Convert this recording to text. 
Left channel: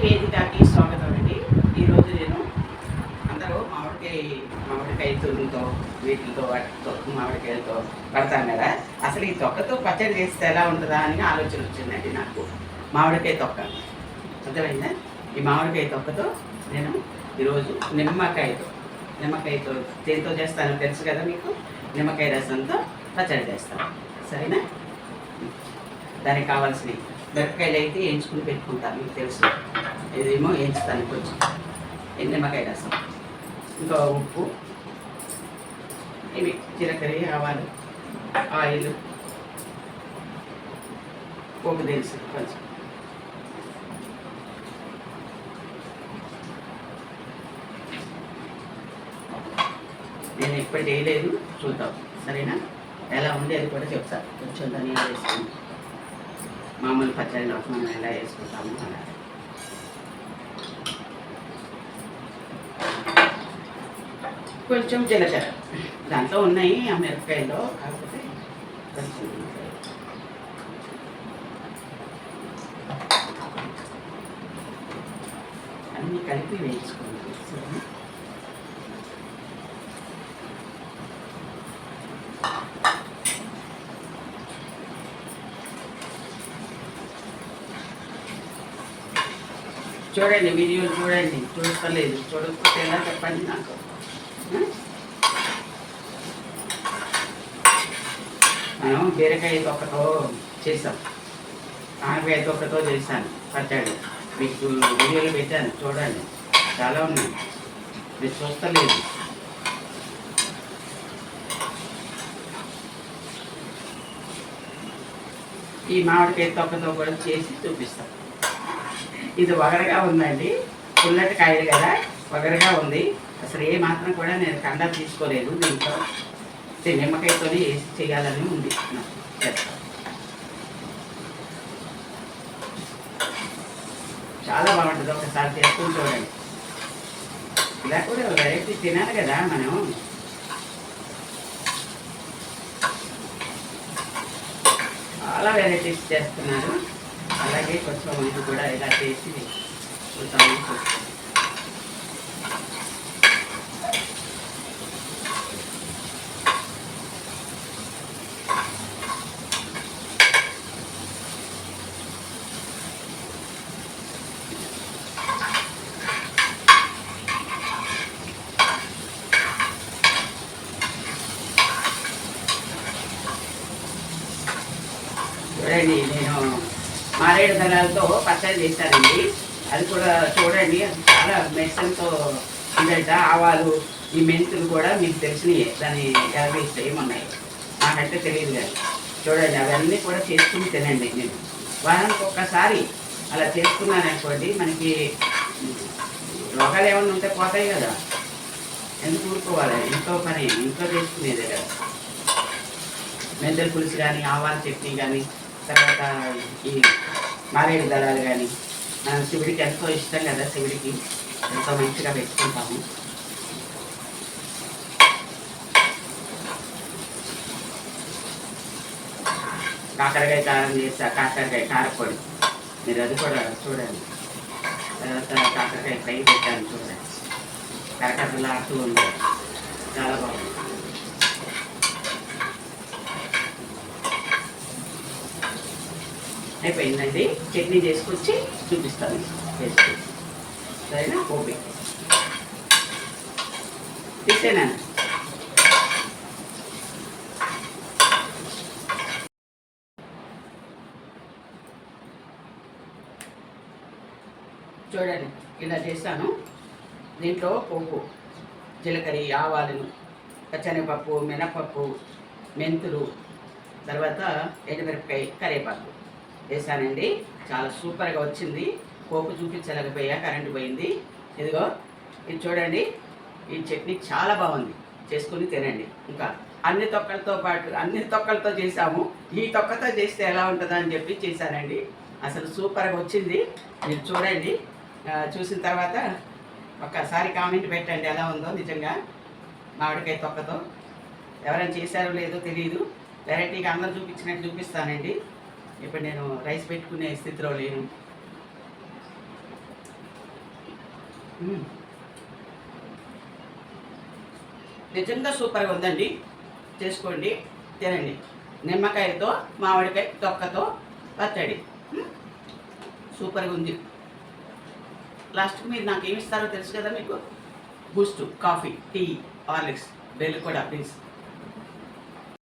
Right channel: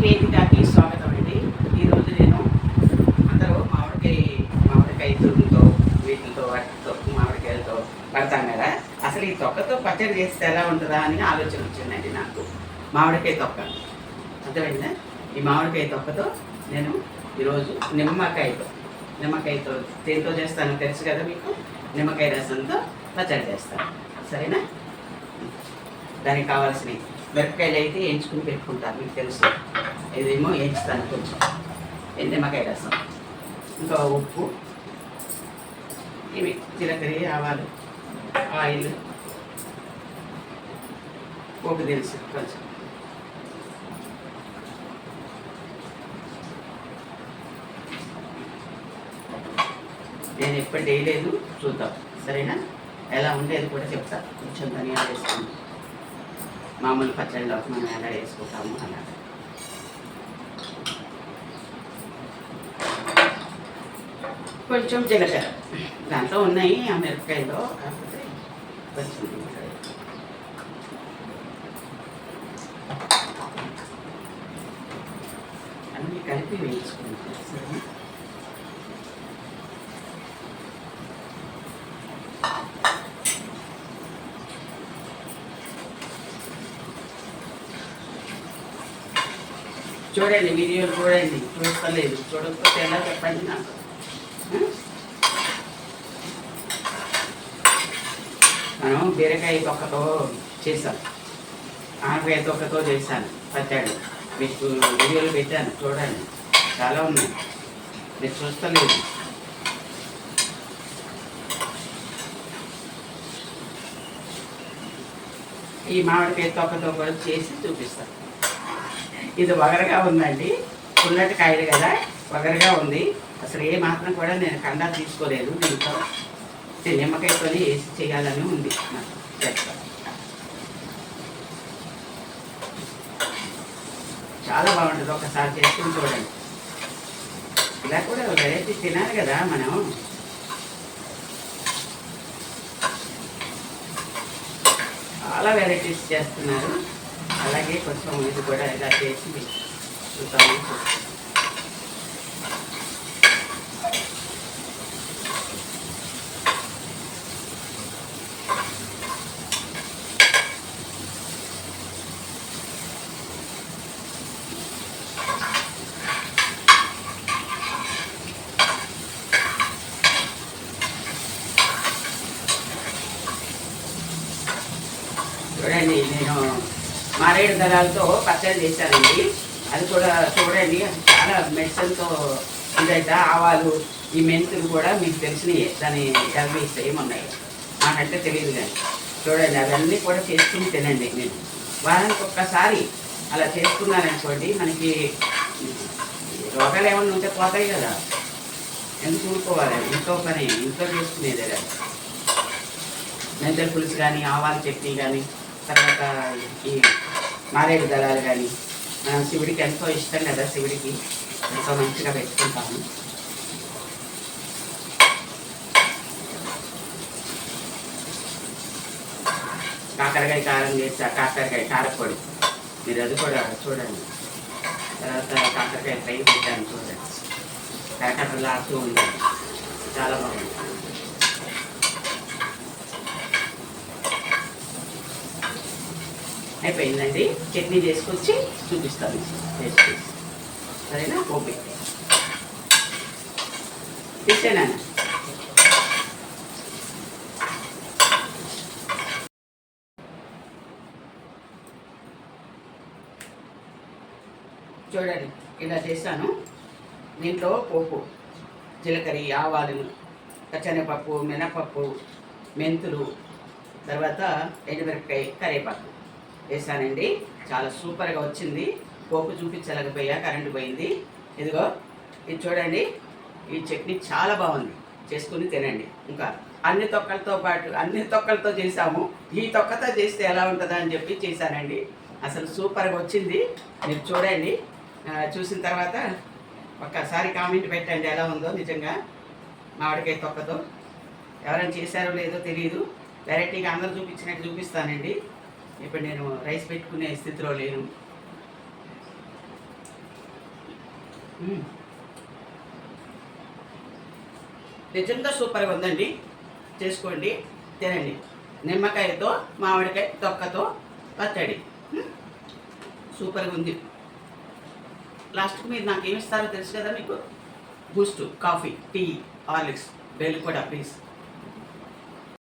వేదికకి స్వాగతం అండి. ఈరోజు నేను అందరూ మామిడికాయ మామిడికాయ తురుముతో వీటితో వాటితో మామిడికాయలతో పడతాం కదా. అసలు ఈ తొక్కతో పచ్చడి చేస్తే ఎలా ఉంటుందా అని ఆలోచన వచ్చిందండి నాకు. మామిడికాయ తొక్క. అర్థమైందా? ఈ మామిడికాయ తొక్కతో నేను ఈరోజు నిమ్మకాయతో నిమ్మకాయతో దేంతో చేస్తానో తెలుసు కదా మీకు? నిమ్మకాయ రసంతో పచ్చడి చేస్తాను. సరేనా? దానికి కావాల్సినవి. మిరపకాయలు అయితే వేయించుకుని పెట్టుకుంటాను మీకు తెలుసు. ఇదేమో వేయించుతాను కొంచెం ఈ నిమ్మకాయ రసం. ఇంకా ఉప్పు ఇవి జీలకర్ర ఆవాలు ఆయిల్ పోపు తెలుసు కొంచెం. నేను ఎప్పుడు వేయలేదు చూద్దాం. సరేనా? ఎలా ఉండేది కూడా చెప్తాను. కొంచెం ధనియాలు వేసుకుంటాను మామూలు పచ్చడి మనం ఎలా వేసుకుంటాము అలా. కొంచెం జీలకర్ర. దాంట్లో ఉన్నాయి ఆ మిరపకాయలో కాకపోతే కొంచెం అన్నీ కలిపి వేయించుకుంటాం చూడండి వీడియోలు చూడండి. చూస్తలేదు చూడకపోతే ఎలా చెప్పండి నాకు? మనం బీరకాయ తొక్కతో చేసాం ఆనపకాయ తొక్కతో చేశాను. పచ్చడి మీకు వీడియోలు పెట్టాను. చూడండి. చాలా ఉన్నాయి. మీరు చూస్తలేదు. ఈ మామిడికాయ తొక్కతో కూడా చేసి చూపిస్తాను ఇది వగరగా ఉందండి. పుల్లటి కాయలు కదా వగరగా ఉంది. అసలు ఏ మాత్రం కూడా నేను కండ తీసుకోలేదు దీంట్లో. నిమ్మకాయతో వేసి చేయాలని ఉంది. నాకు చాలా బాగుంటుంది ఒకసారి చేసుకుని చూడండి. ఇలా కూడా వెరైటీ తినాలి కదా మనం. చాలా వెరైటీస్ చేస్తున్నారు. అలాగే కొంచెం ఇది కూడా ఇలా చేసి చూద్దాము. చూడండి నేను మారేడు దళాలతో పచ్చడి చేశానండి అది కూడా చూడండి చాలా మెడిసిన్తో ఇదైతే ఆవాలు ఈ మెంతులు కూడా మీకు తెలిసినవి దాని ఎలబీస్ ఏమున్నాయి నాకంటే తెలియదు కానీ. చూడండి అవన్నీ కూడా చేసుకుని తినండి నేను వారానికి ఒక్కసారి అలా చేసుకున్నాను అనుకోండి మనకి రోగాలు ఏమన్నా ఉంటే పోతాయి కదా. ఎందుకు ఊరుకోవాలి? ఇంట్లో పని ఇంట్లో చేసుకునేదే కదా. మెంతల పులుసు కానీ ఆవాల చట్నీ కానీ తర్వాత ఈ మారేడు దళాలు కానీ మనం శివుడికి ఎంతో ఇష్టం కదా శివుడికి. ఎంతో మంచిగా పెట్టుకుంటాము. కాకరకాయ కారం చేసా కాకరకాయ కారపొడి. మీరు అది కూడా చూడండి. తర్వాత కాకరకాయ ఫ్రై పెట్టాను చూడండి. కరకరలాడుతూ ఉంది చాలా బాగుంది అయిపోయిందండి. చట్నీ చేసుకొచ్చి చూపిస్తాను చేసుకొచ్చి సరేనా? ఓపి తీసేనా చూడండి ఇలా చేస్తాను. దీంట్లో పోపు జీలకర్ర ఆవాలు పచ్చనిపప్పు మినపప్పు మెంతులు తర్వాత ఎండుమిరపకాయ కరివేపాకు. వేసానండి చాలా సూపర్గా వచ్చింది. పోపు చూపించలేకపోయా కరెంటు పోయింది. ఇదిగో ఇది చూడండి. ఈ చట్నీ చాలా బాగుంది. చేసుకుని తినండి. ఇంకా అన్ని తొక్కలతో పాటు అన్ని తొక్కలతో చేసాము ఈ తొక్కతో చేస్తే ఎలా ఉంటుందా అని చెప్పి చేశానండి. అసలు సూపర్గా వచ్చింది. మీరు చూడండి. చూసిన తర్వాత ఒక్కసారి కామెంట్ పెట్టండి ఎలా ఉందో నిజంగా. మామిడికాయ తొక్కతో. ఎవరైనా చేశారో లేదో తెలియదు వెరైటీగా అందరూ చూపించినట్టు చూపిస్తానండి. ఇప్పుడు నేను రైస్ పెట్టుకునే స్థితిలో లేను. నిజంగా సూపర్గా ఉందండి. చేసుకోండి తినండి. నిమ్మకాయతో మామిడికాయ తొక్కతో పచ్చడి. సూపర్గా ఉంది. లాస్ట్కి మీరు నాకు ఏమి ఇస్తారో తెలుసు కదా మీకు? Boost coffee tea Horlicks bell కూడా ప్లీజ్.